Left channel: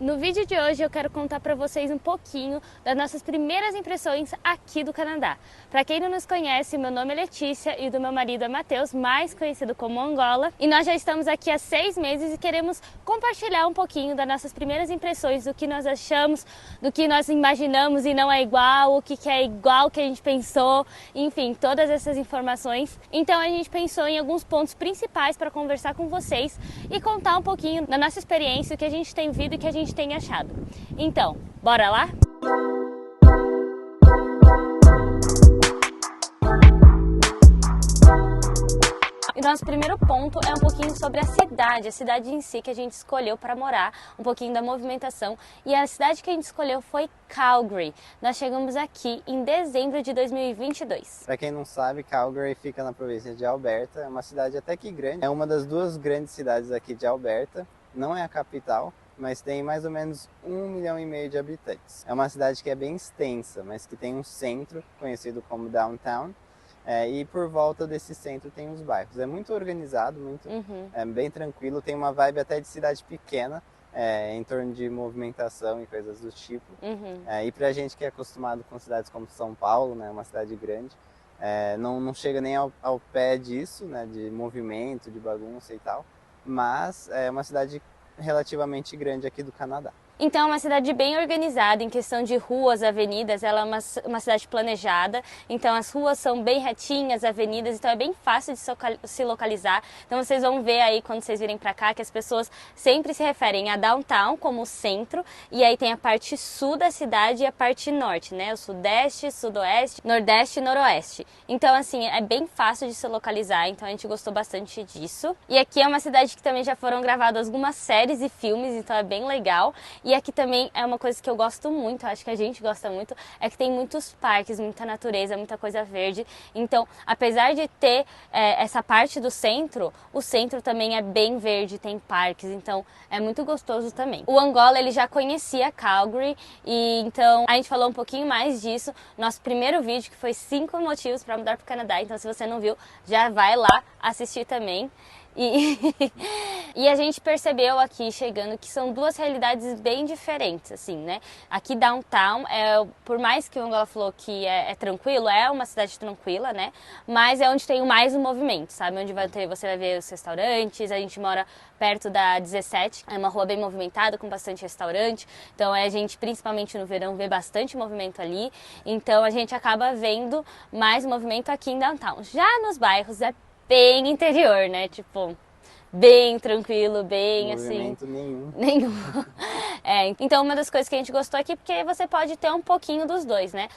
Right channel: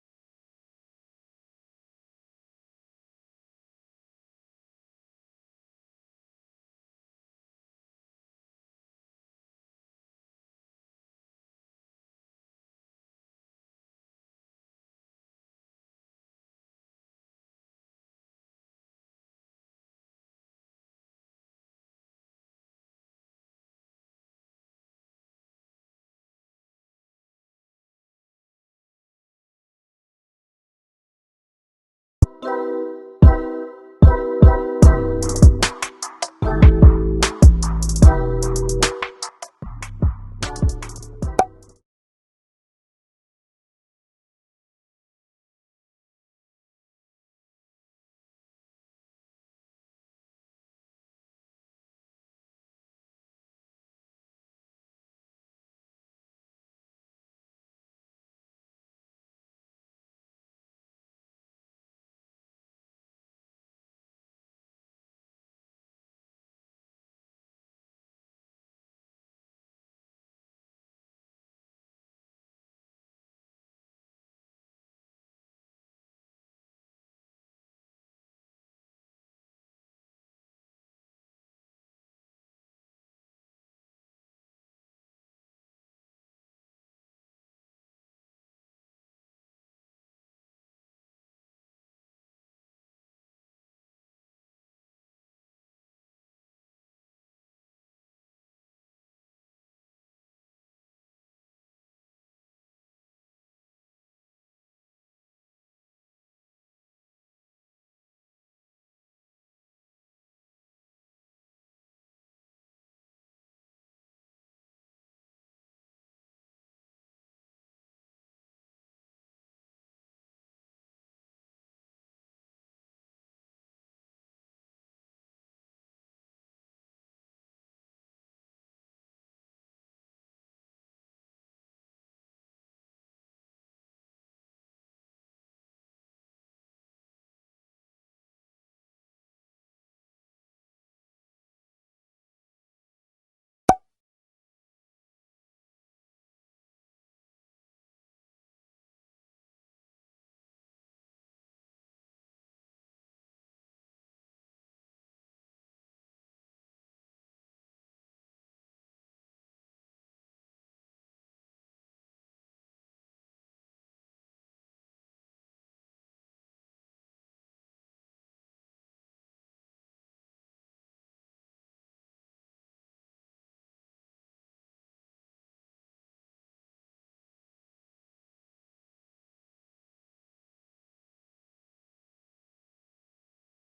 No vídeo de hoje eu quero contar para vocês um pouquinho das nossas primeiras impressões aqui do Canadá. Para quem não nos conhece, meu nome é Letícia e do meu marido é Matheus, mais conhecido como Angola. E nós já estamos aqui há 6 meses e queremos compartilhar um pouquinho das nossas primeiras impressões, do que nós achamos, do que nós imaginamos e não é igual, o que é igual ao que a gente pensou, enfim, todas essas informações. Então a gente pensou em alguns pontos principais para conversar com vocês e contar um pouquinho da nossa experiência, o que a gente tem vivido e o que a gente tem achado. Então, bora lá? E nosso primeiro ponto é um pouquinho sobre a cidade em si que a gente escolheu para morar, um pouquinho da movimentação. E a cidade que a gente escolheu foi Calgary. Nós chegamos aqui em dezembro de 2022. Para quem não sabe, Calgary fica na província de Alberta, é uma cidade até que grande. É uma das duas grandes cidades aqui de Alberta, não é a capital, mas tem mais ou menos 1,5 milhão de habitantes. É uma cidade que é bem extensa, mas que tem um centro conhecido como Downtown. E por volta desse centro tem os bairros. É muito organizado, bem tranquilo, tem uma vibe até de cidade pequena, em torno de movimentação e coisas do tipo. E pra gente que é acostumado com cidades como São Paulo, né, uma cidade grande, não chega nem ao pé disso, né, de movimento, de bagunça e tal, mas é uma cidade relativamente grande aqui do Canadá. Então é uma cidade bem organizada em questão de ruas, avenidas, ela é uma cidade planejada, então as ruas são bem retinhas, avenidas, então é bem fácil de se localizar. Então vocês vão ver aí quando vocês virem pra cá que as pessoas sempre se referem a Downtown como o centro, e aí tem a parte sul da cidade e a parte norte, né? O sudeste, sudoeste, nordeste e noroeste. Então assim, é bem fácil de se localizar, então a gente gostou bastante disso. E aqui é uma cidade que também já foram gravadas algumas séries e filmes, então é bem legal. E aqui também é uma coisa que eu gosto muito, acho que a gente gosta muito, é que tem muitos parques, muita natureza, muita coisa verde. Então, apesar de ter essa parte do centro, o centro também é bem verde, tem parques, então é muito gostoso também. O Angola, ele já conhecia Calgary, e então a gente falou um pouquinho mais disso no nosso primeiro vídeo, que foi 5 motivos para mudar para o Canadá. Então, se você não viu, já vai lá assistir também. E a gente percebeu aqui chegando que são duas realidades bem diferentes, assim, né? Aqui Downtown, por mais que o Angola falou que é tranquilo, é uma cidade tranquila, né? Mas é onde tem mais o movimento, sabe? Onde você vai ver os restaurantes. A gente mora perto da 17, é uma rua bem movimentada, com bastante restaurante. Então a gente, principalmente no verão, vê bastante movimento ali. Então a gente acaba vendo mais movimento aqui em Downtown. Já nos bairros é bem interior, né? Tipo, bem tranquilo, bem Movimento assim... nenhum. Então uma das coisas que a gente gostou aqui, porque você pode ter um pouquinho dos dois, né?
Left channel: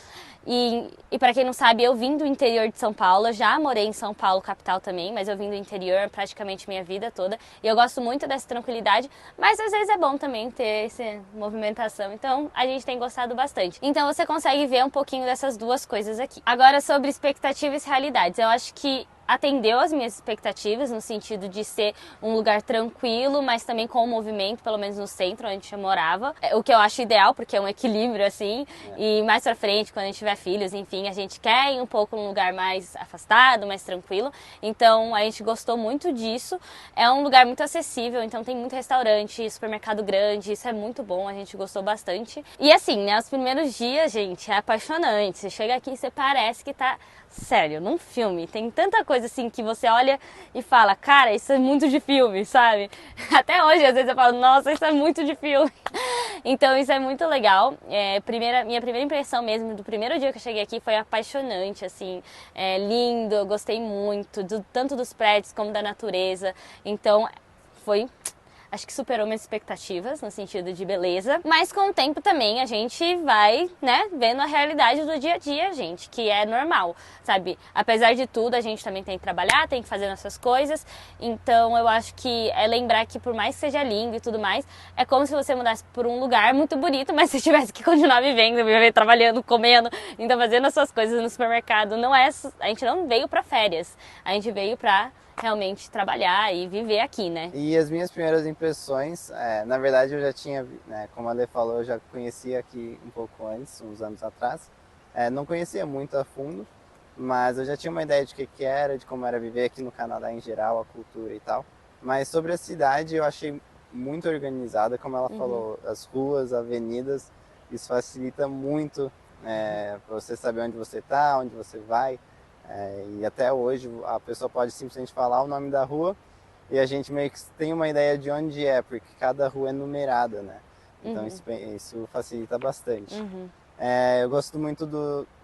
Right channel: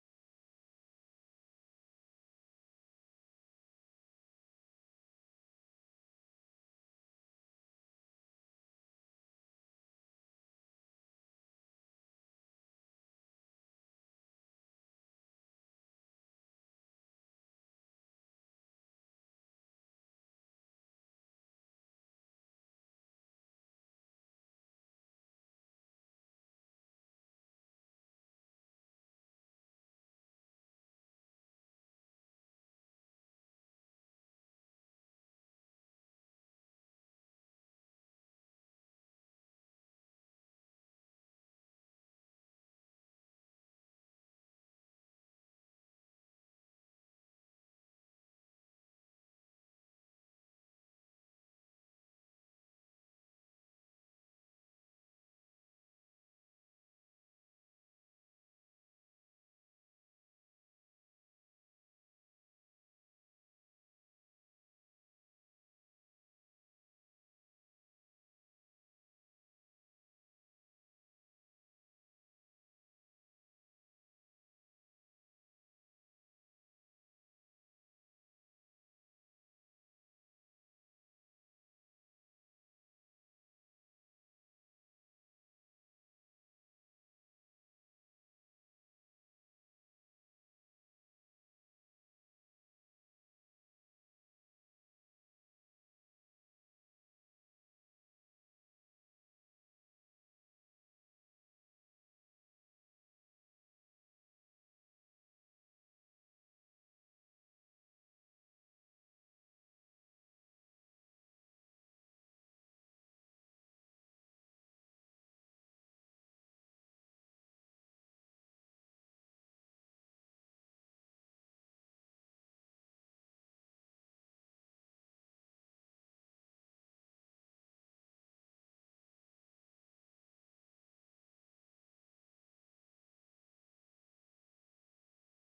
E para quem não sabe, eu vim do interior de São Paulo, eu já morei em São Paulo, capital também, mas eu vim do interior praticamente minha vida toda. E eu gosto muito dessa tranquilidade, mas às vezes é bom também ter essa movimentação. Então a gente tem gostado bastante. Então você consegue ver um pouquinho dessas duas coisas aqui. Agora sobre expectativas e realidades, eu acho que atendeu às minhas expectativas, no sentido de ser um lugar tranquilo, mas também com movimento, pelo menos no centro onde eu morava. O que eu acho ideal, porque é um equilíbrio, assim. E mais pra frente, quando a gente tiver filhos, enfim, a gente quer ir um pouco num lugar mais afastado, mais tranquilo. Então, a gente gostou muito disso. É um lugar muito acessível, então tem muito restaurante, supermercado grande, isso é muito bom, a gente gostou bastante. E assim, né, os primeiros dias, gente, é apaixonante. Você chega aqui e você parece que tá... Sério, num filme, tem tanta coisa assim que você olha e fala, cara, isso é muito de filme, sabe? Até hoje, às vezes eu falo, nossa, isso é muito de filme. Então isso é muito legal. Minha primeira impressão mesmo do primeiro dia que eu cheguei aqui foi apaixonante, assim, lindo, eu gostei muito, tanto dos prédios como da natureza. Então acho que superou minhas expectativas no sentido de beleza. Mas com o tempo também a gente vai, né, vendo a realidade do dia a dia, gente, que é normal, sabe? Apesar de tudo, a gente também tem que trabalhar, tem que fazer nossas coisas. Então eu acho que é lembrar que por mais que seja lindo e tudo mais, é como se você mudasse por um lugar muito bonito, mas você tivesse que continuar vivendo, trabalhando, comendo, então fazendo as suas coisas no supermercado. A gente não veio pra férias, a gente veio pra realmente trabalhar e viver aqui, né? E as minhas primeiras impressões, na verdade eu já tinha, né, como a Ale falou, eu já conhecia aqui um pouco antes, uns anos atrás. Não conhecia muito a fundo, mas eu já tinha uma ideia de que era, de como era viver aqui no Canadá em geral, a cultura e tal. Mas sobre a cidade eu achei muito organizada, como ela falou, as ruas, avenidas, isso facilita muito para você saber onde você está, onde você vai. E até hoje a pessoa pode simplesmente falar o nome da rua e a gente meio que tem uma ideia de onde é, porque cada rua é numerada, né? Então isso facilita bastante. Eu gosto muito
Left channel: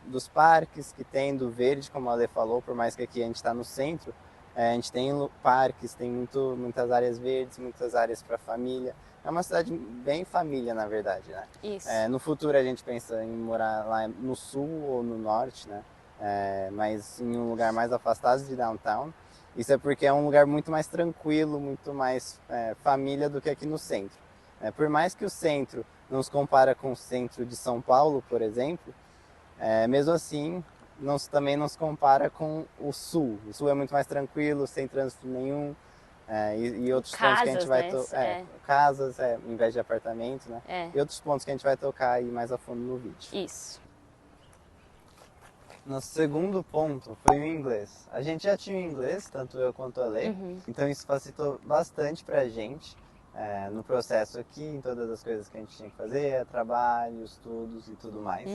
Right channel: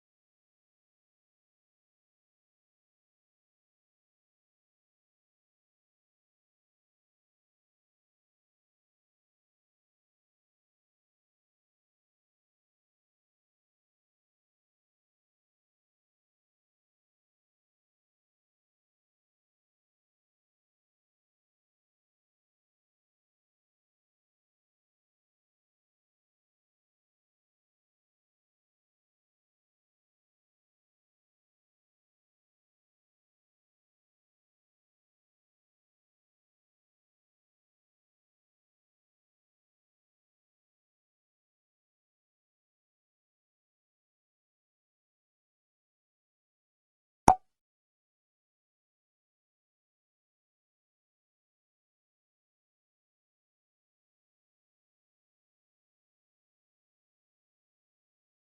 dos parques que tem, do verde, como a Ale falou, por mais que aqui a gente está no centro, a gente tem parques, tem muitas áreas verdes, muitas áreas para família. É uma cidade bem família, na verdade, né? Isso. No futuro a gente pensa em morar lá no sul ou no norte, né? Mas em um lugar mais afastado de downtown. Isso é porque é um lugar muito mais tranquilo, muito mais família do que aqui no centro. Por mais que o centro não se compara com o centro de São Paulo, por exemplo, mesmo assim também não se compara com o sul. O sul é muito mais tranquilo, sem trânsito nenhum. E outros pontos que a gente vai casas, em vez de apartamentos, né? E outros pontos que a gente vai tocar aí mais a fundo no vídeo. Isso. Nosso segundo ponto foi o inglês. A gente já tinha o inglês, tanto eu quanto a Lê, então isso facilitou bastante pra gente no processo aqui, em todas as coisas que a gente tinha que fazer, trabalho, estudos e tudo mais.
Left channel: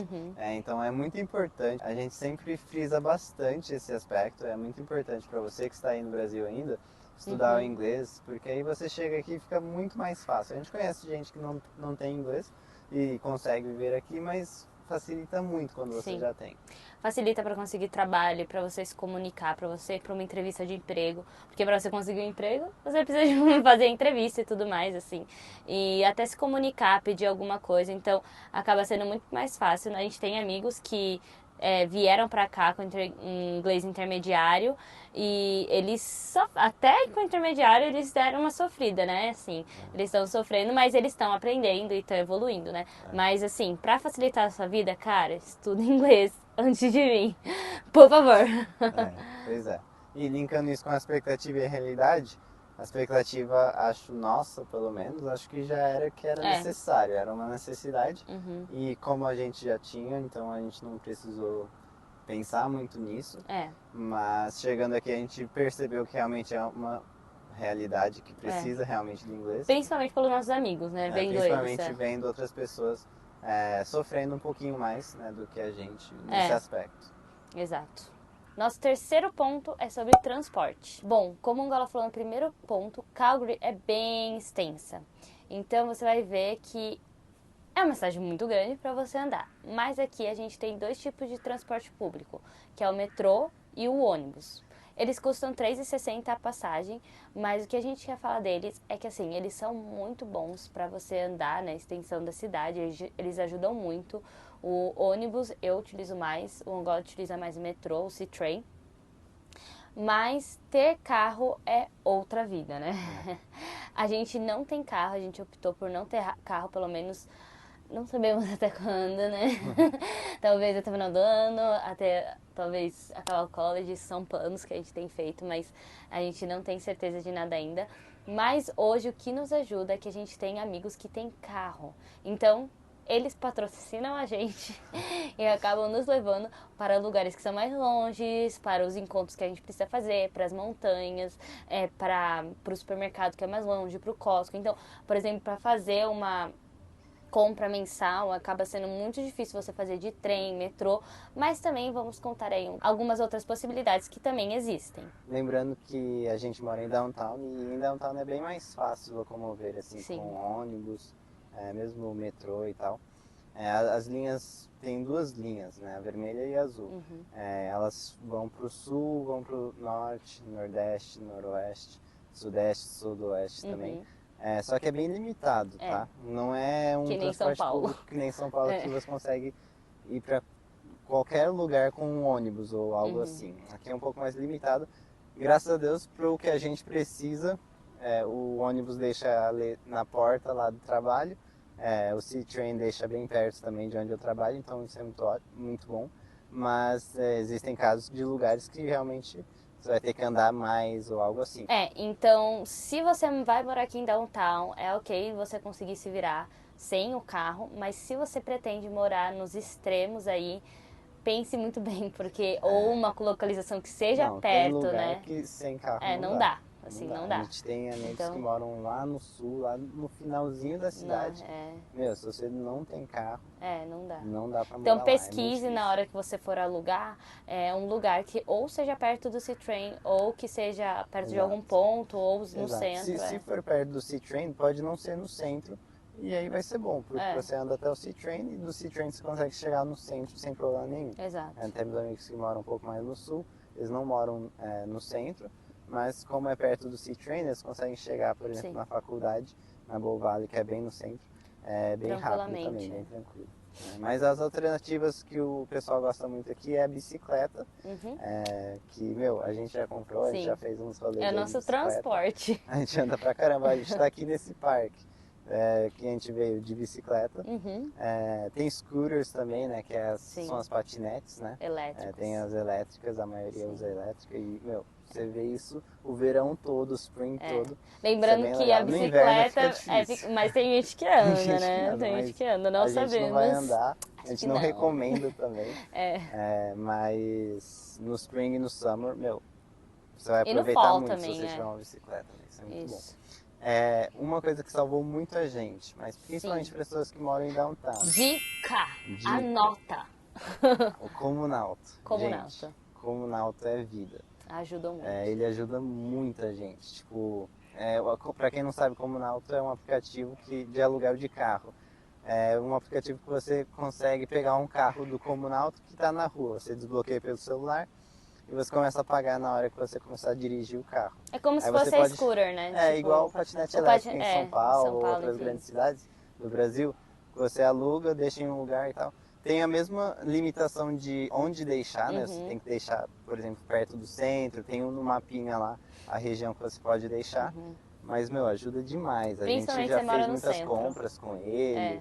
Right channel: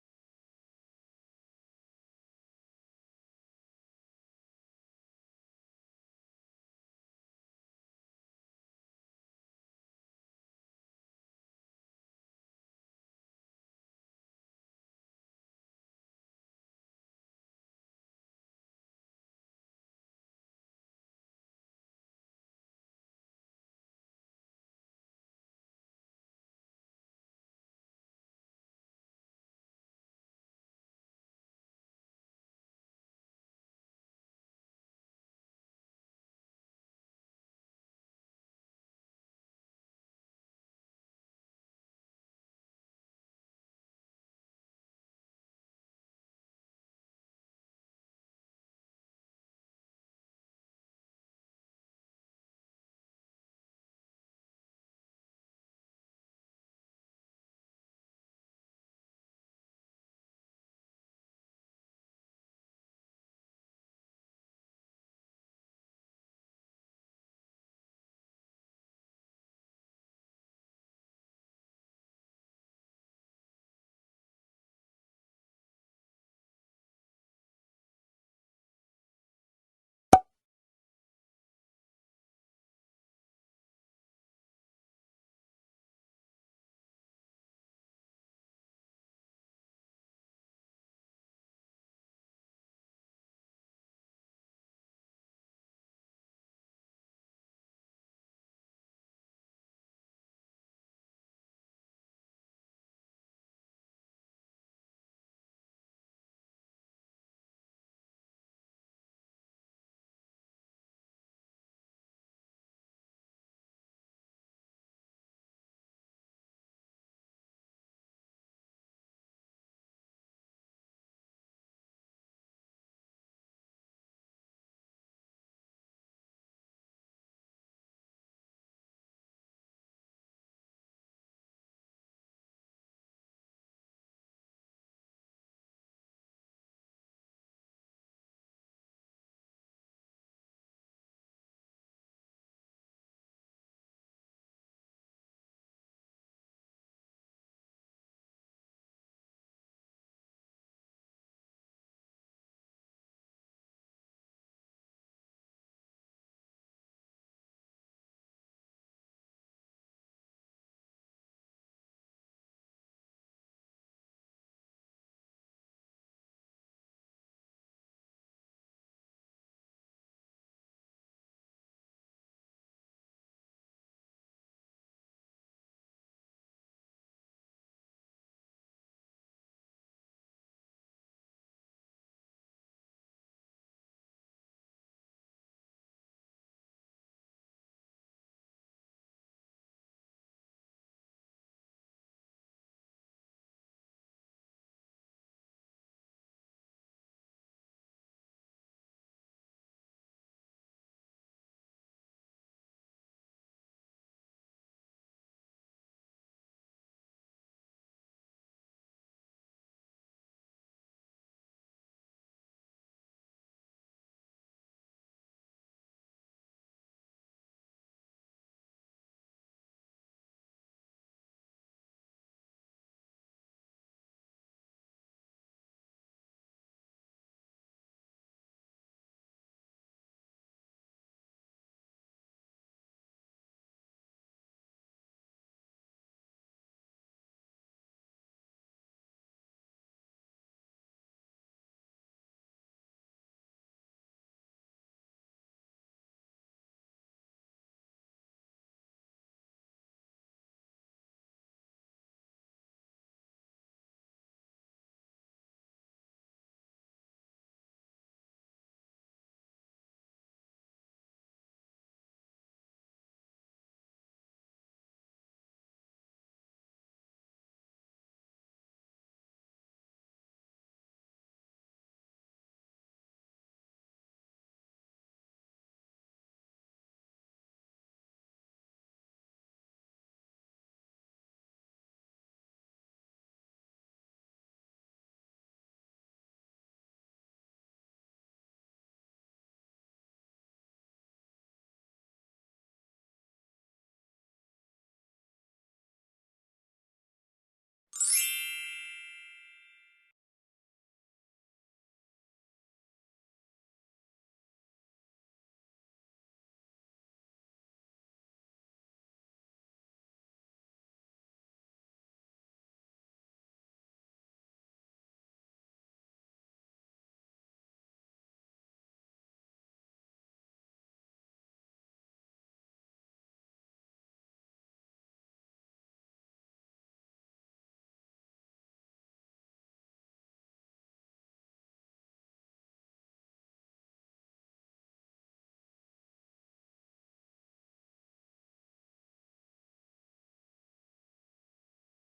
Então é muito importante, a gente sempre frisa bastante esse aspecto, é muito importante para você que está aí no Brasil ainda, estudar o inglês, porque aí você chega aqui e fica muito mais fácil. A gente conhece gente que não tem inglês e consegue viver aqui, mas facilita muito quando você já tem. Facilita para conseguir trabalho, para você se comunicar, para uma entrevista de emprego, porque para você conseguir um emprego, você precisa de fazer entrevista e tudo mais, assim, e até se comunicar, pedir alguma coisa, então acaba sendo muito mais fácil. A gente tem amigos que vieram para cá com inglês intermediário e eles, até com intermediário, eles deram uma sofrida, né, assim, eles estão sofrendo, mas eles estão aprendendo e estão evoluindo, né, mas assim, para facilitar a sua vida, cara, estuda inglês antes de mim, por favor. Pois é. E linkando isso com a expectativa e a realidade, a expectativa, acho nossa, pelo menos, acho que já era que era necessário, era uma necessidade. E como a gente já tinha, então a gente não precisou pensar muito nisso. Mas chegando aqui a gente percebeu que realmente é uma realidade que precisa realmente do inglês. Principalmente pelos nossos amigos, né? Principalmente vendo outras pessoas sofrendo um pouquinho mais, né, do que a gente nesse aspecto. Exato. Nosso terceiro ponto é sobre transporte. Bom, como o Angola falou no primeiro ponto, Calgary é bem extensa. Então você vai ver que é uma cidade muito grande para você andar. Mas aqui a gente tem dois tipos de transporte público, que é o metrô e o ônibus. Eles custam R$3,60 a passagem, mas o que a gente quer falar deles é que assim, eles são muito bons para você andar na extensão da cidade, eles ajudam muito. O ônibus eu utilizo mais, o Angola utiliza mais o metrô, o C-Train. Mas ter carro é outra vida, né? A gente não tem carro, a gente optou por não ter carro, pelo menos não sabemos até quando, né? Talvez até o final do ano, até talvez acabar o college, são planos que a gente tem feito, mas a gente não tem certeza de nada ainda. Mas hoje o que nos ajuda é que a gente tem amigos que têm carro. Então, eles patrocinam a gente e acabam nos levando para lugares que são mais longes, para os encontros que a gente precisa fazer, para as montanhas, para o supermercado que é mais longe, para o Costco. Então, por exemplo, para fazer uma compra mensal, acaba sendo muito difícil você fazer de trem, metrô, mas também vamos contar aí algumas outras possibilidades que também existem. Lembrando que a gente mora em downtown e em downtown é bem mais fácil locomover, assim, com ônibus, mesmo o metrô e tal. As linhas, tem duas linhas, né, a vermelha e a azul. Elas vão para o sul, vão para o norte, nordeste, noroeste, sudeste, sudoeste também. Só que é bem limitado, tá? Não é um transporte público que nem São Paulo que você consegue ir para qualquer lugar com um ônibus ou algo assim. Aqui é um pouco mais limitado. Graças a Deus, para o que a gente precisa, o ônibus deixa ali na porta lá do trabalho. O C-Train deixa bem perto também de onde eu trabalho, então isso é muito bom. Mas existem casos de lugares que realmente você vai ter que andar mais ou algo assim. Então, se você vai morar aqui em downtown, é ok você conseguir se virar sem o carro, mas se você pretende morar nos extremos aí, pense muito bem, porque ou uma localização que seja perto, tem lugar né? Que sem carro Não dá. assim, não dá. A gente tem amigos Então, que moram lá no sul, lá no finalzinho da cidade. Meu, se você não tem carro, não dá. não dá pra morar Então lá. pesquise na hora que você for alugar um lugar que ou seja perto do C-Train, ou que seja perto de algum ponto, ou no centro. Se for perto do C-Train, pode não ser no centro, e aí vai ser bom, porque você anda até o C-Train, e do C-Train você consegue chegar no centro sem problema nenhum. Exato. Tem meus amigos que moram um pouco mais no sul, eles não moram no centro, mas como é perto do C-Train, eles conseguem chegar, por exemplo, na faculdade, na Bow Valley, que é bem no centro, bem rápido também, bem tranquilo. Mas as alternativas que o pessoal gosta muito aqui é a bicicleta, que, meu, a gente já comprou, a gente já fez uns rolês. É o nosso transporte. A gente anda pra caramba, a gente tá aqui nesse parque, que a gente veio de bicicleta. Tem scooters também, né, que são as patinetes, né? Elétricas. Tem as elétricas, a maioria usa elétrica e, meu, você vê isso o verão todo, o spring todo. Lembrando que a bicicleta mas tem gente que anda, né? Tem gente que anda, não sabemos. A gente não vai andar, a gente não recomenda também. Mas no spring e no summer, meu, você vai aproveitar muito se você tiver uma bicicleta, né? Isso é muito bom. Uma coisa que salvou muito a gente, mas principalmente pessoas que moram em downtown. Dica. Anota! O Comunauto. Comunauto. Gente, Comunauto é vida. Ajuda muito. Ele ajuda muita gente. Tipo, pra quem não sabe, Comunauto é um aplicativo de aluguel de carro. É um aplicativo que você consegue pegar um carro do Comunauto que está na rua. Você desbloqueia pelo celular e você começa a pagar na hora que você começar a dirigir o carro. É como se fosse a scooter, né? Tipo, igual o patinete elétrico em São Paulo ou outras grandes cidades do Brasil. Você aluga, deixa em um lugar e tal. Tem a mesma limitação de onde deixar, né? Você tem que deixar, por exemplo, perto do centro, tem no mapinha lá a região que você pode deixar. Mas, meu, ajuda demais. A gente já fez muitas compras com ele,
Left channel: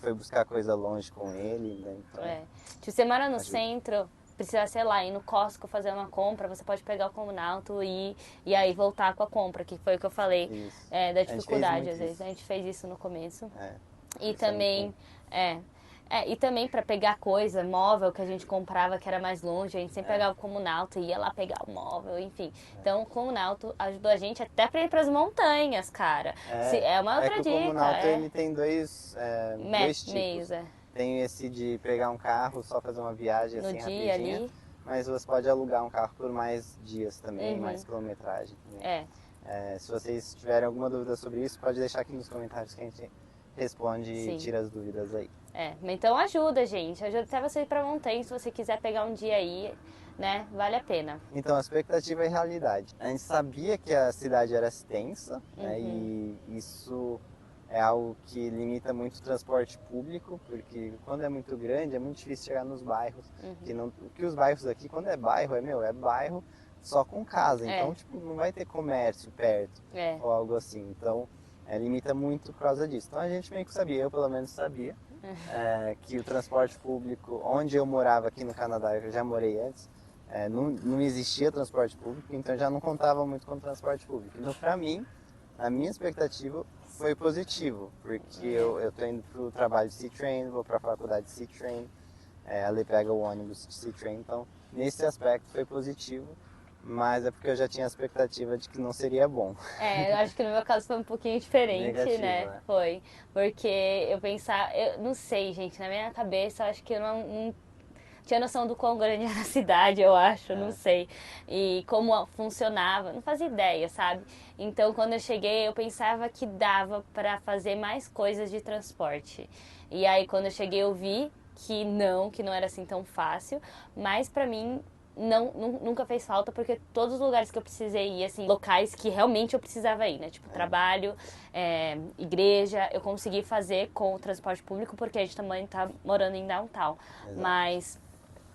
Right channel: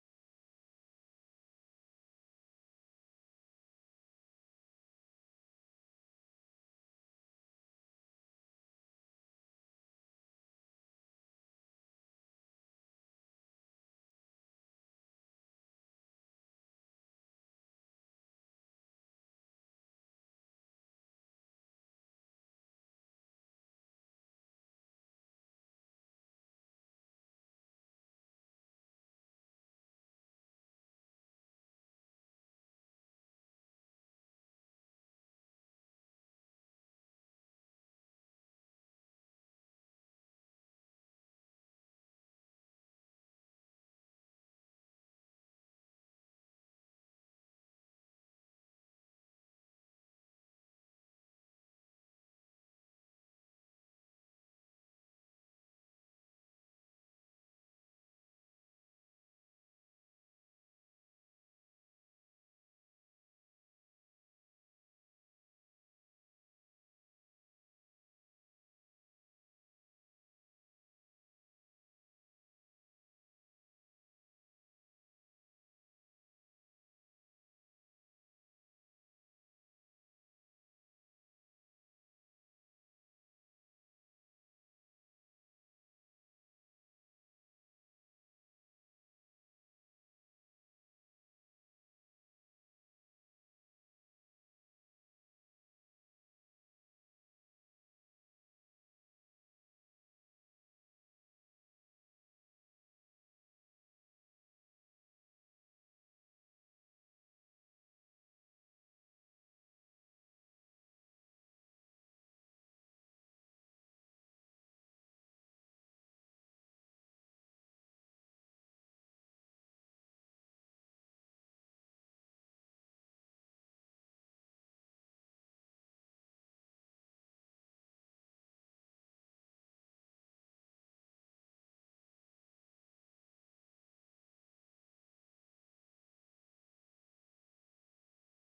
foi buscar coisa longe com ele, né? Então, se você mora no centro, precisa, sei lá, ir no Costco fazer uma compra, você pode pegar o Comunauto e aí voltar com a compra, que foi o que eu falei da dificuldade, às vezes. A gente fez isso no começo. E também, e também para pegar coisa, móvel que a gente comprava que era mais longe, a gente sempre pegava o Comunauto e ia lá pegar o móvel, enfim. Então o Comunauto ajudou a gente até para ir para as montanhas, cara. É uma outra dica. O Comunauto ele tem dois meios, tipos. Tem esse de pegar um carro, só fazer uma viagem assim rapidinha, ali. Mas você pode alugar um carro por mais dias também, mais quilometragem também. Se vocês tiverem alguma dúvida sobre isso, pode deixar aqui nos comentários que a gente responde e tira as dúvidas aí. Então ajuda, gente. Ajuda até você ir pra montanha, se você quiser pegar um dia aí, né? Vale a pena. Então, a expectativa e realidade. A gente sabia que a cidade era extensa, né? E isso é algo que limita muito o transporte público, porque quando é muito grande é muito difícil chegar nos bairros. Que os bairros aqui, quando é bairro, é bairro só com casa. Então, tipo, não vai ter comércio perto ou algo assim. Então, limita muito por causa disso. Então, a gente meio que sabia, eu pelo menos sabia, que o transporte público, onde eu morava aqui no Canadá, eu já morei antes, não existia transporte público, então já não contava muito com o transporte público. Então, pra mim, a minha expectativa foi positivo, porque eu tô indo pro trabalho de C-Train, vou pra faculdade de C-Train, ali pega o ônibus de C-Train, então nesse aspecto foi positivo, mas é porque eu já tinha a expectativa de que não seria bom. Eu acho que no meu caso foi um pouquinho diferente, Negativo, né? Foi, porque eu pensava, eu não sei, gente, na minha cabeça eu acho que eu não tinha noção do quão grande era a cidade, eu acho, não sei. E como funcionava, não fazia ideia, sabe? Então, quando eu cheguei, eu pensava que dava para fazer mais coisas de transporte. E aí, quando eu cheguei, eu vi que não era assim tão fácil. Mas, pra mim, nunca fez falta, porque todos os lugares que eu precisei ir, assim, locais que realmente eu precisava ir, né? Tipo, trabalho, igreja, eu consegui fazer com o transporte público, porque a gente também tá morando em downtown. Exato. Mas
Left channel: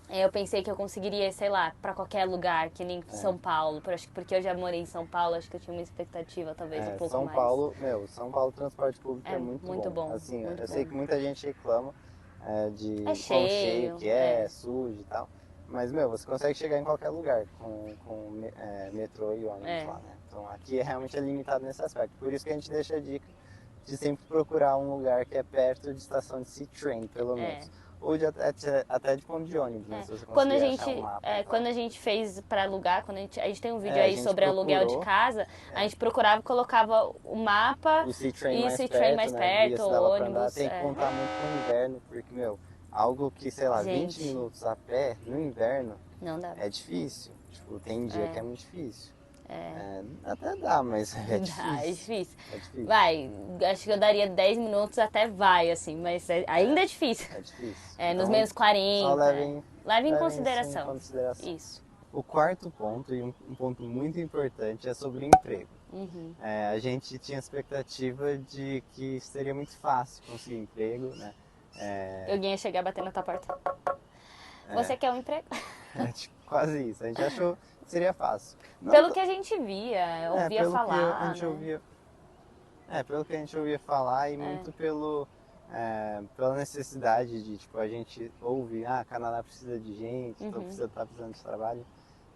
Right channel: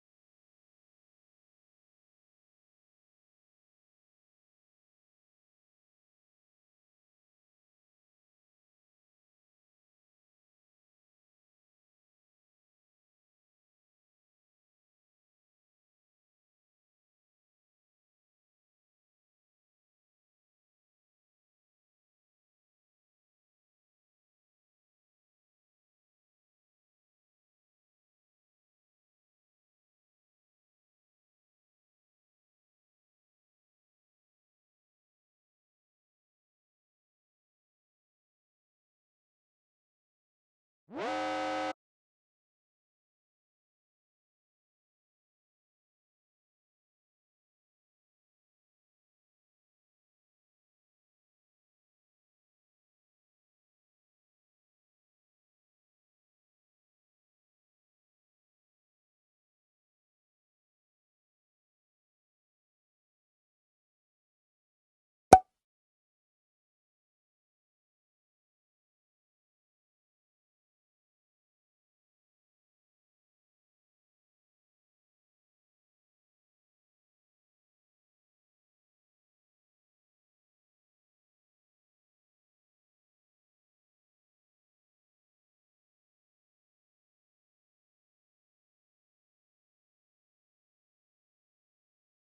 eu pensei que eu conseguiria, sei lá, pra qualquer lugar, que nem São Paulo. Porque eu já morei em São Paulo, acho que eu tinha uma expectativa talvez um pouco mais. São Paulo, transporte público é muito bom. Assim, muito eu sei que muita gente reclama de quão cheio, cheio que é sujo e tal. Mas, você consegue chegar em qualquer lugar com metrô e ônibus lá, né? Então, aqui realmente é limitado nesse aspecto. Por isso que a gente deixa a dica de sempre procurar um lugar que é perto de estação de C-Train, pelo menos. ou até de ponto de ônibus, né? Se você Quando a conseguir gente, achar um mapa e tal. quando a gente fez para alugar, a gente tem um vídeo A aí gente sobre aluguel de procurou casa, a gente procurava, colocava o mapa, o C-Train isso mais e trem perto, mais né? Via perto, se ou dava pra andar. ônibus. Tem que contar muito com o inverno, porque, meu, algo que, sei lá, 20 Gente, minutos a pé no inverno não dá. é difícil. Tipo, tem dia que é muito difícil. É. Até dá, mas é Dá, é difícil. difícil. É difícil. Vai, acho que eu daria 10 minutos até vai, assim, mas ainda é difícil. É difícil. Nos Então, menos só 40. Leve em levem isso em consideração. consideração. Isso. O quarto ponto, e um ponto muito importante, é sobre o emprego. Uhum. A gente tinha expectativa de que seria muito fácil conseguir emprego, né? Alguém ia chegar batendo na tua porta. Você quer um emprego? Tipo, quase isso. A gente achou que seria fácil. Não Pelo t- que a gente via, ouvia pelo que falar, a gente né? ouvia, pelo que a gente ouvia falar e muito pela necessidade de, tipo, a gente ouve, Canadá precisa de gente, então tá precisando de trabalho.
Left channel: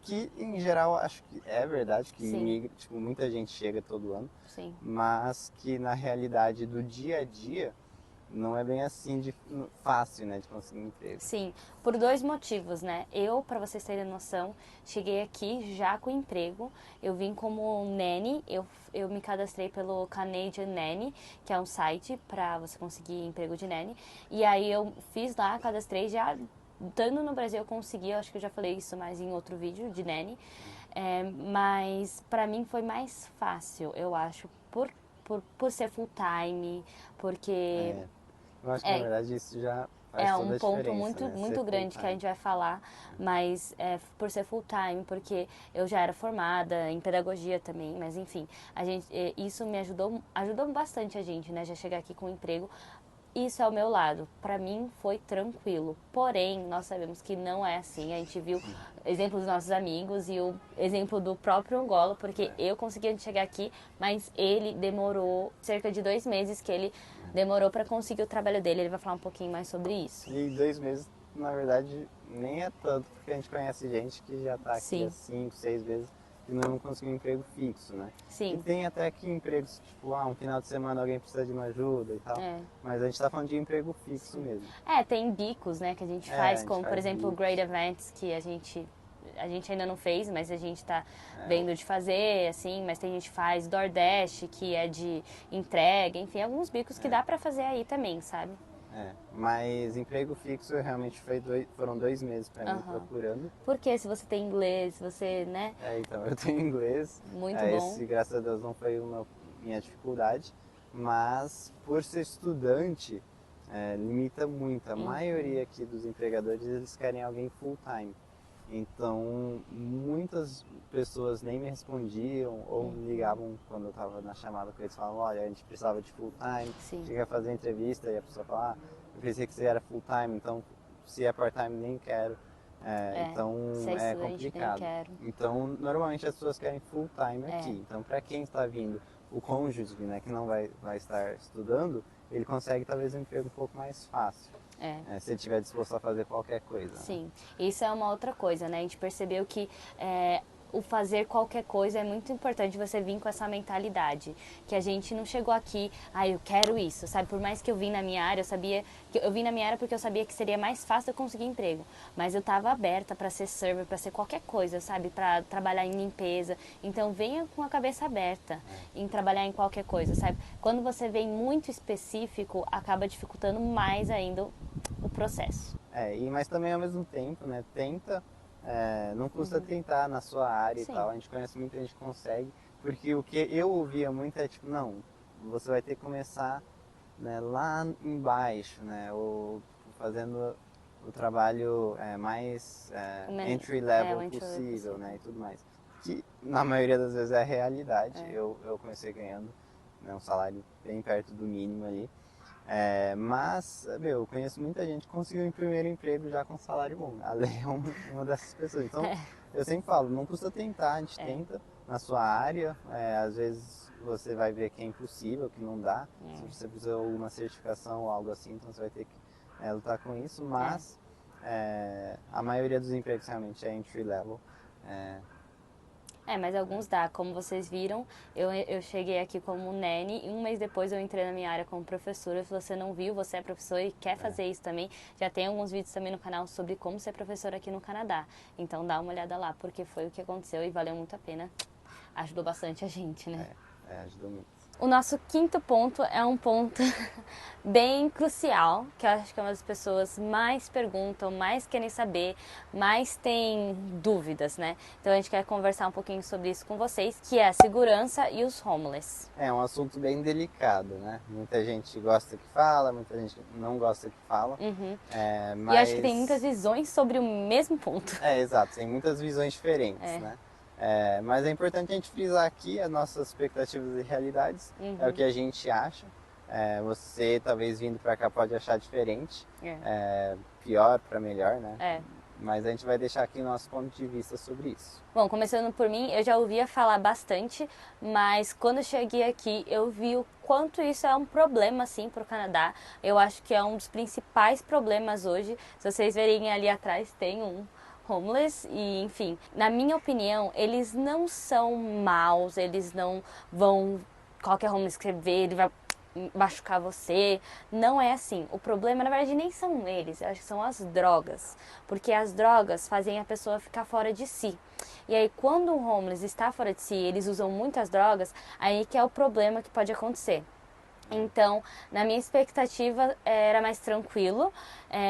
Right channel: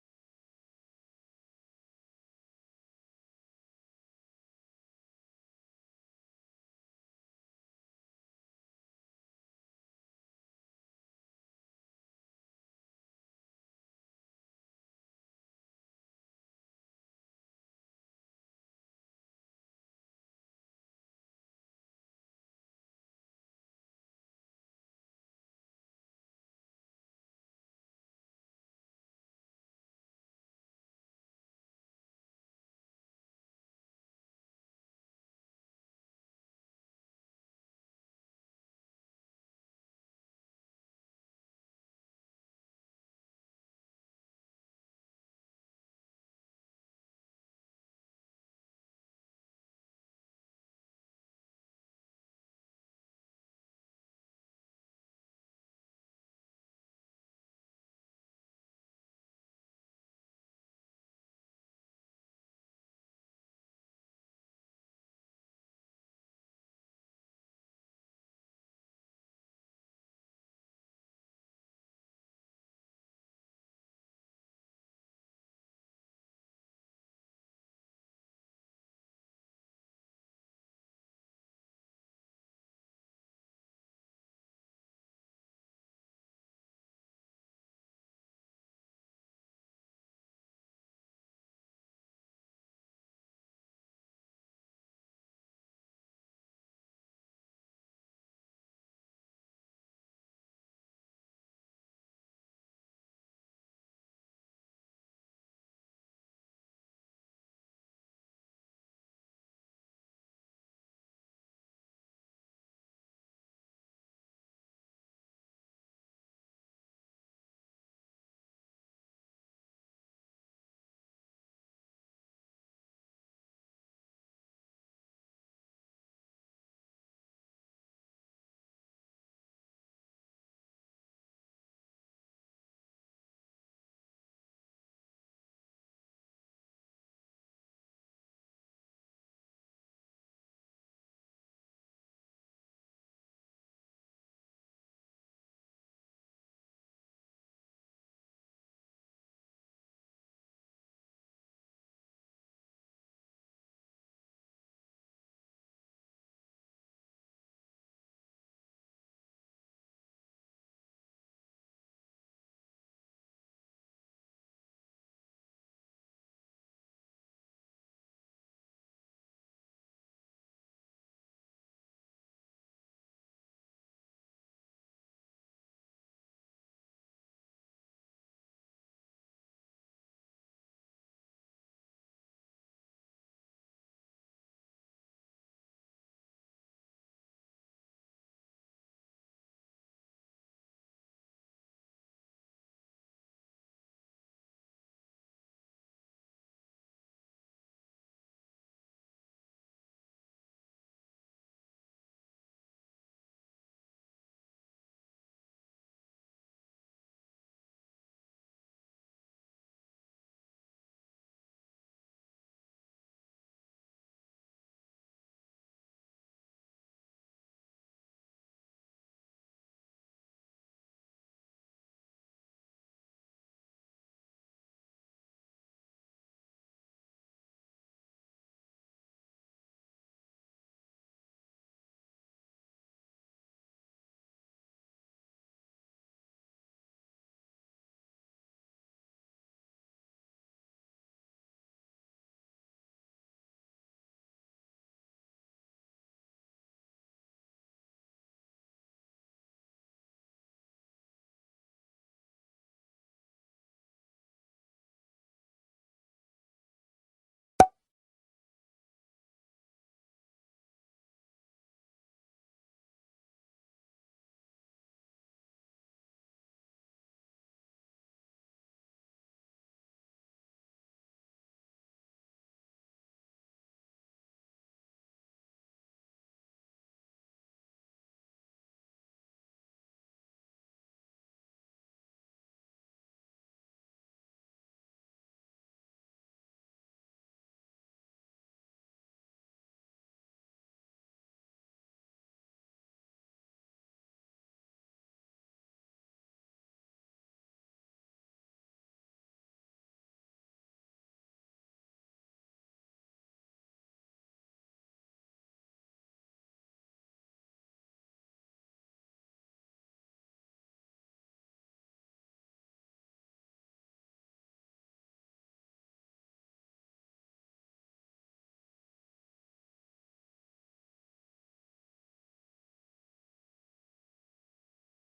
Que, em geral, acho que é verdade, que Sim. tipo, muita gente chega todo ano, Sim. mas que na realidade do dia a dia não é bem assim fácil, né, de conseguir emprego. Sim, por dois motivos, né? Eu, para vocês terem noção, cheguei aqui já com emprego. Eu vim como nanny, eu me cadastrei pelo Canadian Nanny, que é um site para você conseguir emprego de nanny. E aí eu fiz lá, cadastrei já. Estando no Brasil eu consegui, eu acho que eu já falei isso mais em outro vídeo de nanny. Mas para mim foi mais fácil, eu acho, por ser full time, porque Eu acho que na verdade isso já faz é toda um a ponto diferença, muito, né? muito Ser grande que a full-time. gente vai falar, mas por ser full time, porque eu já era formada em pedagogia também, mas enfim, isso me ajudou bastante a gente, né? Já chegar aqui com um emprego. Isso é o meu lado. Para mim foi tranquilo. Porém, nós sabemos que não é assim. A gente viu exemplo dos nossos amigos e o exemplo do próprio Angola, porque eu consegui chegar aqui, mas ele demorou cerca de 2 meses que ele demorou para conseguir o trabalho dele. Ele vai falar um pouquinho mais sobre isso. E 2 meses, na verdade, nem é tanto, porque a gente conhece gente que já tá aqui há Sim. 5, 6 meses e não conseguiu um emprego fixo, né? Sim. E tem até aqui empregos, tipo, um final de semana alguém precisa de uma ajuda e tal. Mas a gente tá falando de emprego fixo mesmo. Tem bicos, né, que a gente a faz, gente como por faz exemplo o bicos. Great Events, que a gente ainda não fez, mas a gente tá vendo de fazer, assim, mas tem gente que faz DoorDash, que é de entrega, enfim, alguns bicos que dá pra fazer aí também, sabe? Mas emprego fixo realmente foram 2 meses pra mim procurando. Porque se você tem inglês, você, né? Então, eu tenho inglês. Muito bom. Esse, graças a Deus, não foi minha dificuldade. Mas, por ser estudante, limita muito. A maioria aqui dos empregadores, eles querem alguém full time. Então, muitas pessoas nem me respondiam ou ligavam quando eu estava na chamada com eles, falavam, olha, a gente precisava de full time, chega a fazer entrevista e a pessoa fala, eu pensei que você era full time, então se é part time nem quero. Então é complicado. Então, normalmente as pessoas querem full time aqui. Então, para quem está vindo, o cônjuge, né, que não vai estar estudando, ele consegue talvez um emprego um pouco mais fácil. Se ele estiver disposto a fazer qualquer coisa. Sim, isso é uma outra coisa, né? A gente percebeu que o fazer qualquer coisa é muito importante você vir com essa mentalidade. Que a gente não chegou aqui, eu quero isso, sabe? Por mais que eu vim na minha área, eu vim na minha área porque eu sabia que seria mais fácil eu conseguir emprego. Mas eu estava aberta para ser server, para ser qualquer coisa, sabe? Para trabalhar em limpeza. Então venha com a cabeça aberta em trabalhar em qualquer coisa, sabe? Quando você vem muito específico, acaba dificultando mais ainda o processo. Mas também ao mesmo tempo, né? Não custa tentar na sua área e tal. A gente conhece muita gente que consegue. Porque o que eu ouvia muito é tipo, não, você vai ter que começar, né, lá embaixo, né? Ou fazendo o trabalho mais entry level possível, né? E tudo mais. Que na maioria das vezes é a realidade. Eu comecei ganhando, né, um salário bem perto do mínimo ali. Mas, eu conheço muita gente que conseguiu um primeiro emprego já com salário bom. A Lei é uma dessas pessoas. Então, eu sempre falo, não custa tentar, a gente tenta na sua área. Às vezes você vai ver que é impossível, que não dá. Se você precisa de alguma certificação ou algo assim, então você vai ter que lutar com isso. Mas a maioria dos empregos realmente é entry level. Mas alguns dá. Como vocês viram, eu cheguei aqui como nene e um mês depois eu entrei na minha área como professora. Se você não viu, você é professor e quer fazer isso também, já tem alguns vídeos também no canal sobre como ser professora aqui no Canadá. Então dá uma olhada lá, porque foi o que aconteceu e valeu muito a pena. Ajudou bastante a gente, né? Ajudou muito. O nosso quinto ponto é um ponto bem crucial, que eu acho que é uma das pessoas mais perguntam, mais querem saber, mais têm dúvidas, né? Então a gente quer conversar um pouquinho sobre isso com vocês, que é a segurança e os homeless. É um assunto bem delicado, né? Muita gente gosta que fala, muita gente não gosta que fala. E acho que tem muitas visões sobre o mesmo ponto. Exato, tem muitas visões diferentes, né? Mas é importante a gente frisar aqui as nossas expectativas e realidades, é o que a gente acha. Você talvez vindo para cá pode achar diferente, pior para melhor, né? Mas a gente vai deixar aqui o nosso ponto de vista sobre isso. Bom, começando por mim, eu já ouvia falar bastante, mas quando eu cheguei aqui eu vi o quanto isso é um problema, assim, para o Canadá. Eu acho que é um dos principais problemas hoje. Se vocês verem ali atrás, tem um homeless e, enfim, na minha opinião, eles não são maus, eles não vão... Qualquer homeless que você vê, ele vai machucar você. Não é assim. O problema, na verdade, nem são eles, eu acho que são as drogas. Porque as drogas fazem a pessoa ficar fora de si. E aí, quando um homeless está fora de si, eles usam muitas drogas, aí que é o problema que pode acontecer. Então, na minha expectativa, era mais tranquilo,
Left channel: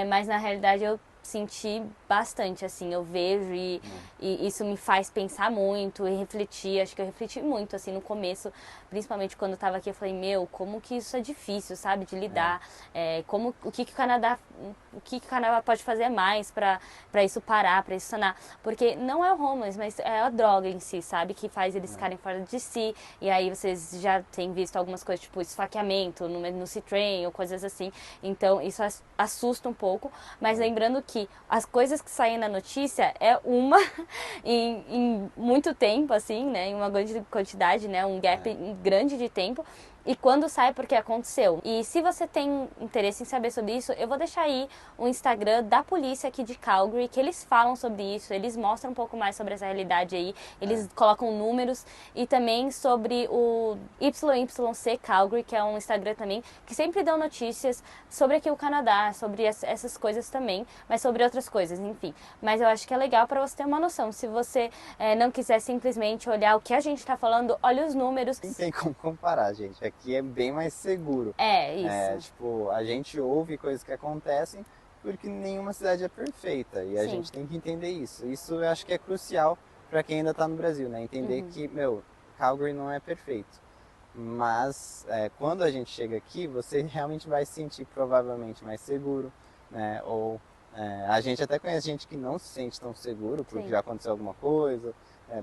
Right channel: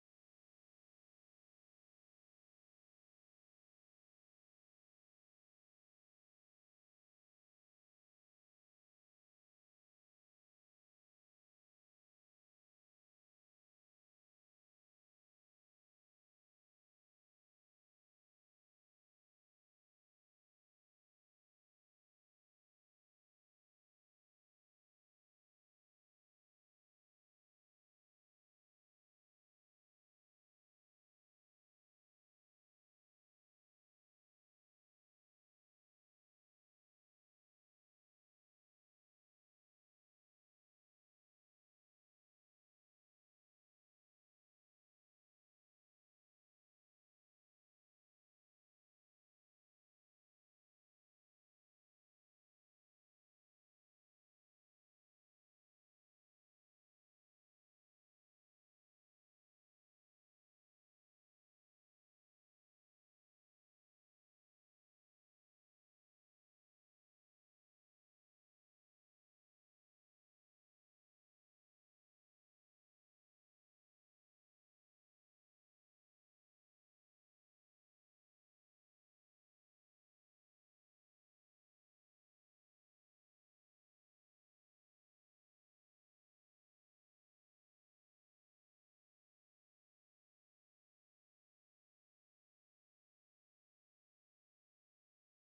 mas na realidade eu senti bastante, assim, eu vejo e isso me faz pensar muito e refletir, acho que eu refleti muito, assim, no começo, principalmente quando eu tava aqui, eu falei, meu, como que isso é difícil, sabe, de lidar, o que que o Canadá pode fazer mais pra isso parar, pra isso sanar, porque não é o homeless, mas é a droga em si, sabe, que faz eles ficarem fora de si, e aí vocês já têm visto algumas coisas, tipo esfaqueamento no C-Train ou coisas assim, então isso assusta um pouco, mas lembrando que as coisas que saem na notícia é uma em muito tempo, assim, né? Em uma grande quantidade, né? Um gap grande de tempo. E quando sai, porque aconteceu. E se você tem interesse em saber sobre isso, eu vou deixar aí o Instagram da polícia aqui de Calgary, que eles falam sobre isso, eles mostram um pouco mais sobre essa realidade aí, eles colocam números e também sobre o YYC Calgary, que é um Instagram também, que sempre dão notícias sobre aqui o Canadá, sobre essas coisas também, mas sobre outras coisas, enfim. Mas eu acho que é legal para você ter uma noção. Se você não quiser simplesmente olhar o que a gente tá falando, olha os números. Não tem como comparar, gente. Aqui é bem mais seguro. Isso. Tipo, a gente ouve coisas que acontecem porque nenhuma cidade é perfeita. E a gente tem que entender isso. Isso eu acho que é crucial para quem ainda está no Brasil, né? Entender que, Calgary não é perfeito. Mas quando a gente chega aqui, você realmente vai se sentir provavelmente mais seguro, né? Ou a gente até conhece gente que não se sente tão seguro porque já aconteceu alguma coisa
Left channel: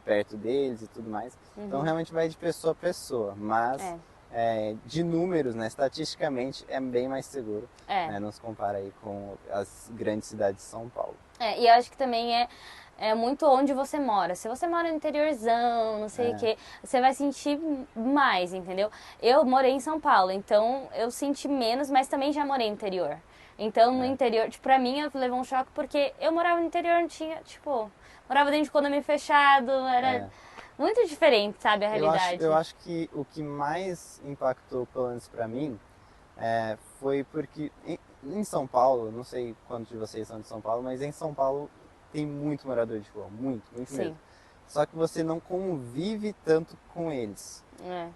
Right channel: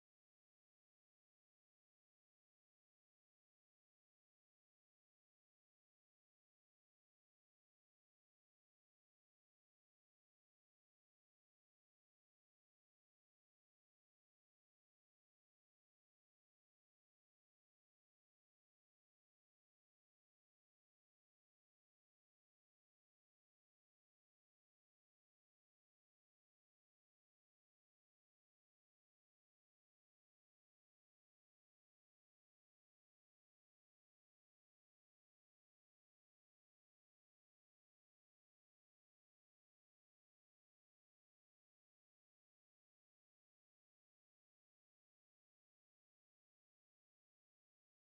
perto deles e tudo mais. Então realmente vai de pessoa a pessoa, mas de números, né, estatisticamente é bem mais seguro, né, não se compara aí com as grandes cidades de São Paulo. E eu acho que também é muito onde você mora. Se você mora no interiorzão, não sei o que, você vai sentir mais, entendeu? Eu morei em São Paulo, então eu senti menos, mas também já morei no interior. Então no interior, tipo, pra mim eu levei um choque porque eu morava no interior, não tinha, tipo, morava dentro de condomínio fechado, era muito diferente, sabe, a realidade. Eu acho que o que mais impactou, pelo menos pra mim, foi porque em São Paulo, não sei quantos de vocês são de São Paulo, mas em São Paulo tem muito morador de rua, muito mesmo. Só que você não convive tanto com eles.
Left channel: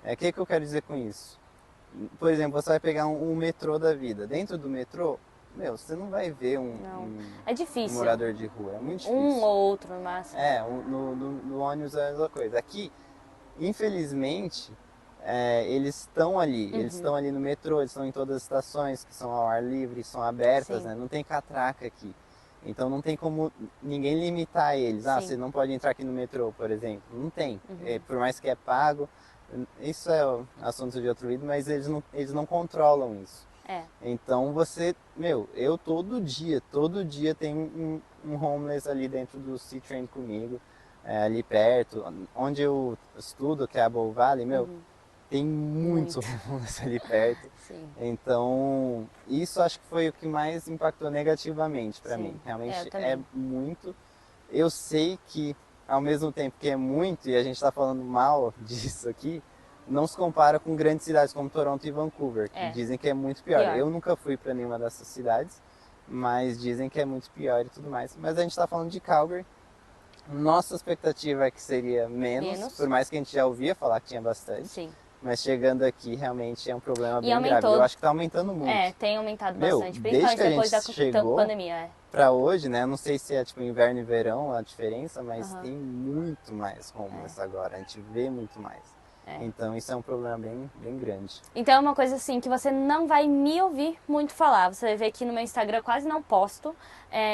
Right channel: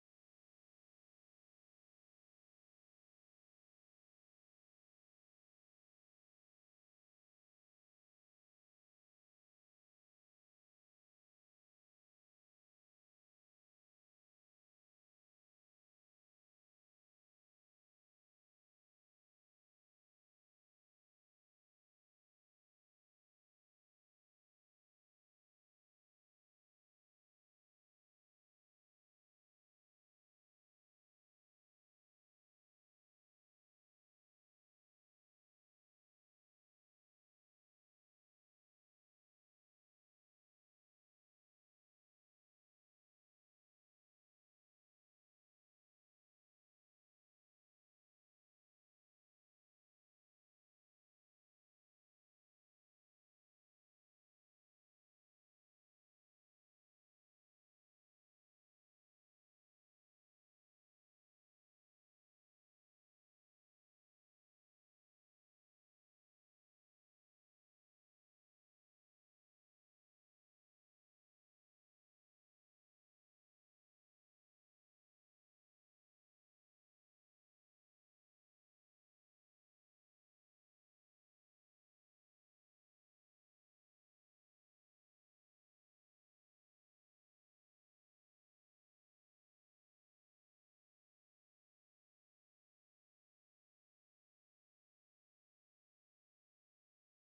O que eu quero dizer com isso? Por exemplo, você vai pegar um metrô da vida. Dentro do metrô, você não vai ver é difícil. Um morador de rua, é muito difícil. Um ou outro no máximo. No ônibus é a mesma coisa. Aqui, infelizmente, eles estão ali. Eles estão ali no metrô, eles estão em todas as estações que são ao ar livre, são abertas, né? Não tem catraca aqui. Então não tem como ninguém limitar eles. Você não pode entrar aqui no metrô, por exemplo. Não tem. Por mais que é pago, isso é assunto de outro vídeo, mas eles não controlam isso. Então você, eu todo dia tem um homeless ali dentro do C-Train comigo, ali perto, onde eu estudo, que é a Bow Valley, tem muitos homeless ali perto. Então, isso acho que foi o que mais impactou negativamente para mim. Realmente muito. Eu sei que ao mesmo tempo que é muito, e a gente está falando mal disso aqui, não se compara com grandes cidades como Toronto e Vancouver, que dizem que é muito pior. Eu nunca fui para nenhuma dessas cidades, mas dizem que é muito pior e tudo mais. Mas a gente está falando de Calgary. Nossa expectativa é que seria menos, por mais que a gente já ouvia falar que tinha bastante. Sim. Mas chegando aqui realmente é um problema bem aumentou, grave. Eu acho que está aumentando muito. Tem aumentado bastante, desde que a depois da gente chegou pandemia. Para hoje, né? Eu não sei se é tipo inverno e verão a diferença, mas tem muito mais homeless agora. A gente vê muito mais. Então isso é um problema bem grande. Então é uma coisa assim que você não vai me ouvir muito falar. Você vai ver que no meu Instagram eu quase não posto,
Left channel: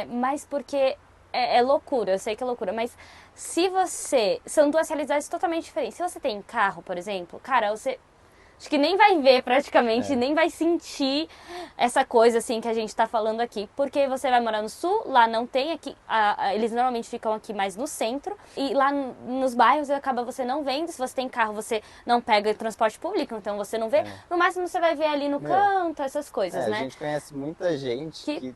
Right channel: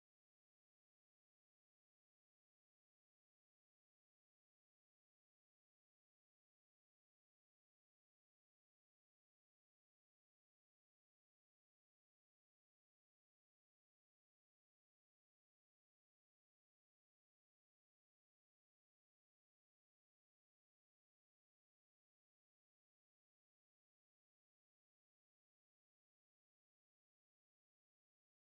mas porque é loucura, eu sei que é loucura, mas se você... São duas realidades totalmente diferentes. Se você tem carro, por exemplo, cara, você... Acho que nem vai ver praticamente, nem vai sentir essa coisa assim que a gente tá falando aqui. Porque você vai morar no sul, lá não tem, aqui eles normalmente ficam aqui mais no centro. E lá nos bairros acaba você não vendo. Se você tem carro, você não pega transporte público, então você não vê. No máximo você vai ver ali no canto, essas coisas, né? A gente conhece muita gente que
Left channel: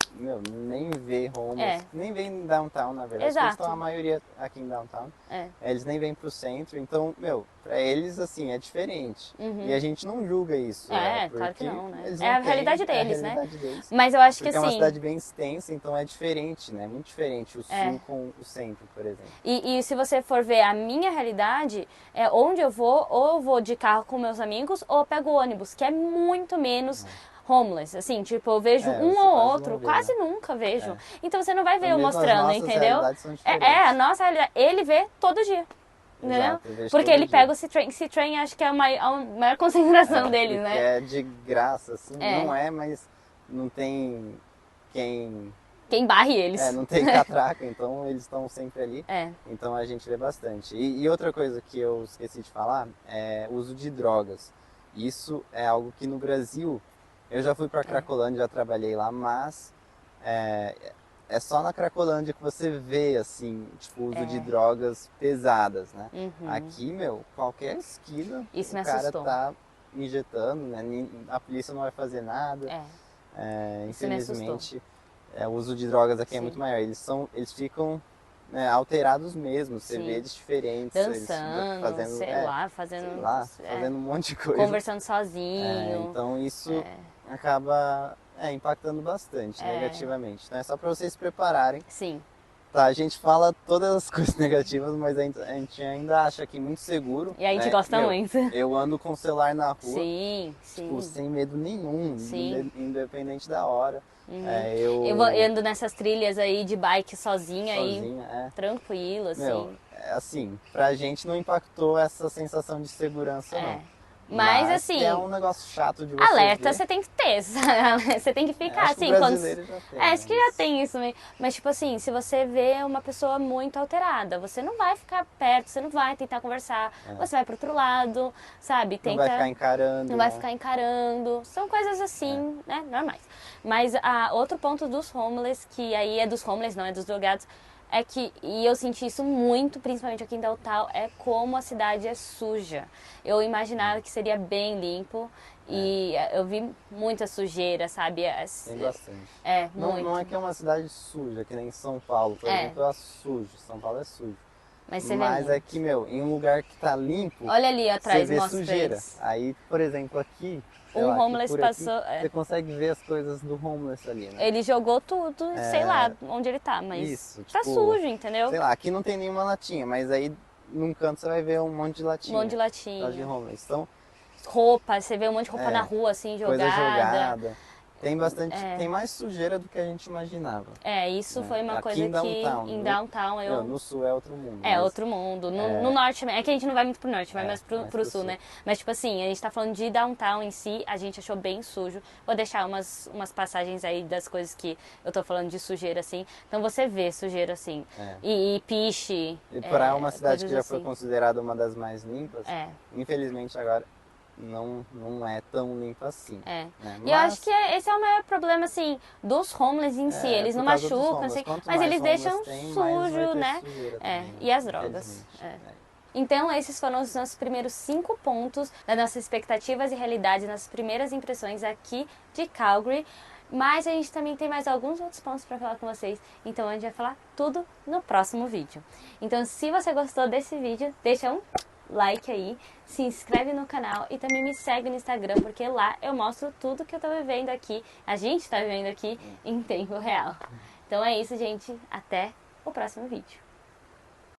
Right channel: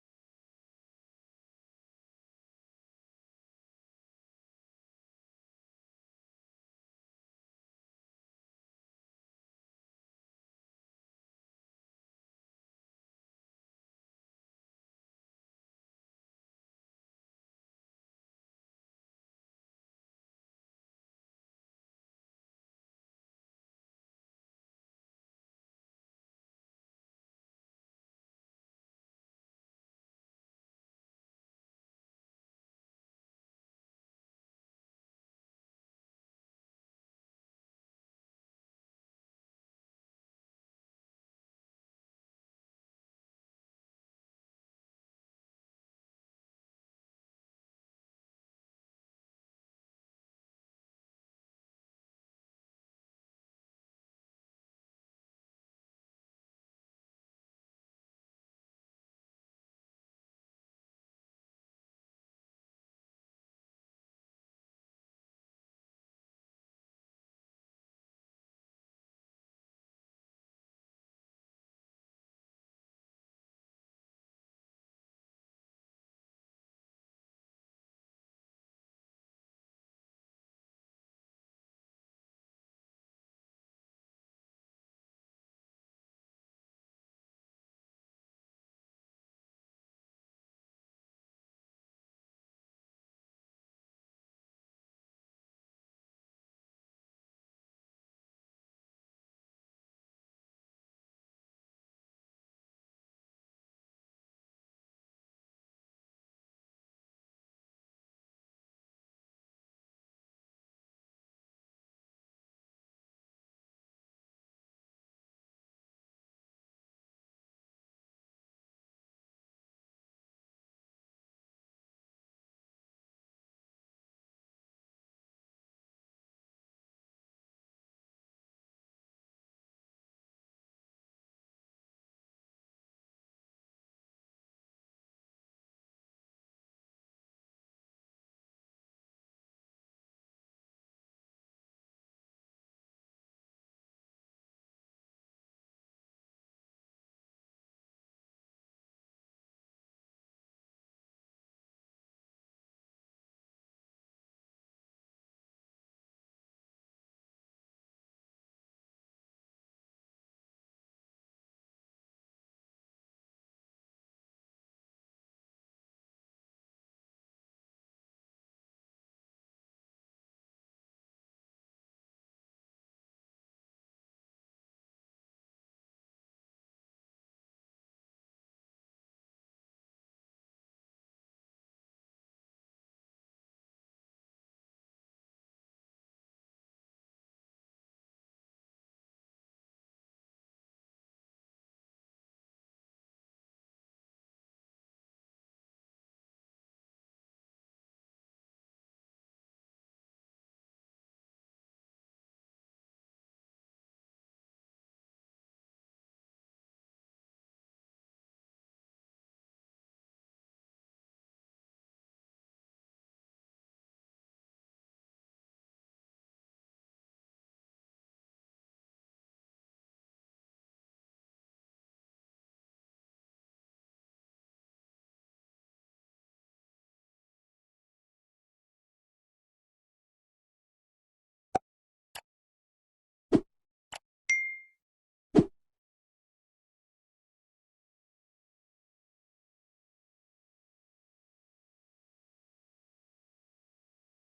nem vê homeless, nem vem em downtown, na verdade. Exato. Eles estão a maioria aqui em downtown. Eles nem vêm pro centro, então, pra eles, assim, é diferente. E a gente não julga isso. Claro que não, né? É a realidade deles, né? Deles. Mas eu acho que Porque assim... é uma cidade bem extensa, então é diferente, né? Muito diferente o sul com o centro, por exemplo. E se você for ver a minha realidade, onde eu vou, ou eu vou de carro com meus amigos, ou eu pego ônibus, que é muito menos... homeless, assim, tipo, eu vejo um ou outro, quase nunca vejo. Então você não vai ver eu mostrando, entendeu? A nossa realidade, ele vê todo dia. Entendeu? Porque ele pega o C-Train, acho que é a maior concentração deles, né? É de graça, assim, não é, mas não tem quem barre eles. Não tem catraca, então eles estão sempre ali. Então a gente vê bastante. E outra coisa que eu esqueci de falar é o uso de drogas. Isso é algo que no Brasil, eu já fui para Cracolândia, já trabalhei lá, mas é só na Cracolândia que você vê, assim, tipo, o uso de drogas pesadas, né? Aqui, qualquer esquina, isso o cara tá injetando, né? A polícia não vai fazer nada. Infelizmente, o uso de drogas aqui é muito maior. Eles ficam alterados mesmo, você vê eles diferentes. Dançando, fazendo um monte de coisa. Conversando sozinho. Então isso acaba impactando bastante negativamente. Então é só para vocês se prepararem. Sim. Tá, a gente fala todas as coisas negativas, mas a gente ainda acha aqui muito seguro. E a gente gosta muito. Eu ando com o celular na rua. Sim. Tipo, sem medo nenhum, independente da hora. Eu ando nessas trilhas aí de bike sozinha aí, tranquilo, assim. Assim, pra gente não impactou essa sensação de segurança, não. Mas assim, é um negócio chato de você alerta ver. você tem que ter, você tem que ficar acho assim. Que o brasileiro já tem, acho que já tem isso mesmo. Mas tipo assim, se você vê uma pessoa muito alterada, você não vai ficar perto, você não vai tentar conversar, você vai pro outro lado, sabe? Não vai ficar encarando. Não vai ficar encarando. São coisas assim, né? Normais. Mas outro ponto dos homeless, que aí é dos homeless, não é dos drogados, é que, e eu senti isso muito, principalmente aqui em Downtown, é como a cidade é suja. Eu imaginava que seria bem limpo e eu vi muita sujeira, sabe? Tem bastante. Muito. Não é que é uma cidade suja, que nem São Paulo, por exemplo, é sujo. São Paulo é sujo. Mas é que, em um lugar que tá limpo, olha ali atrás, você vê sujeira. Aí, por exemplo, aqui... homeless passou. Você consegue ver as coisas do homeless ali, né? Ele jogou tudo, sei lá onde ele tá, mas isso, tá sujo, entendeu? Sei lá, aqui não tem nenhuma latinha, mas aí num canto você vai ver um monte de latinha. Um monte de latinha. De homeless. Então, roupa, você vê um monte de roupa na rua, assim, jogada. Coisa jogada. Tem bastante, tem mais sujeira do que a gente imaginava. Isso foi uma aqui coisa em downtown, que em downtown no sul é outro mundo. Outro mundo. No norte, é que a gente não vai muito pro norte, vai mais pro sul, né? Mas tipo assim, a gente tá falando de downtown em si, a gente achou bem sujo. Vou deixar umas passagens aí das coisas que eu tô falando de sujeira, assim. Então você vê sujeira, assim. E piche. E para uma cidade que já foi considerada uma das mais limpas, infelizmente agora não é tão limpo assim. Né? E eu acho que esse é o maior problema, assim, dos homeless em si. Eles não machucam, assim, mas eles deixam sujo, né? E as drogas. Então, esses foram os nossos primeiros 5 pontos das nossas expectativas e realidades, nas primeiras impressões aqui de Calgary. Mas a gente também tem mais alguns outros pontos para falar com vocês, então a gente vai falar tudo no próximo vídeo. Então se você gostou desse vídeo, deixa um like aí, se inscreve no canal e também me segue no Instagram, porque lá eu mostro tudo que eu tô vivendo aqui, a gente tá vivendo aqui em tempo real. Então é isso, gente, até o próximo vídeo.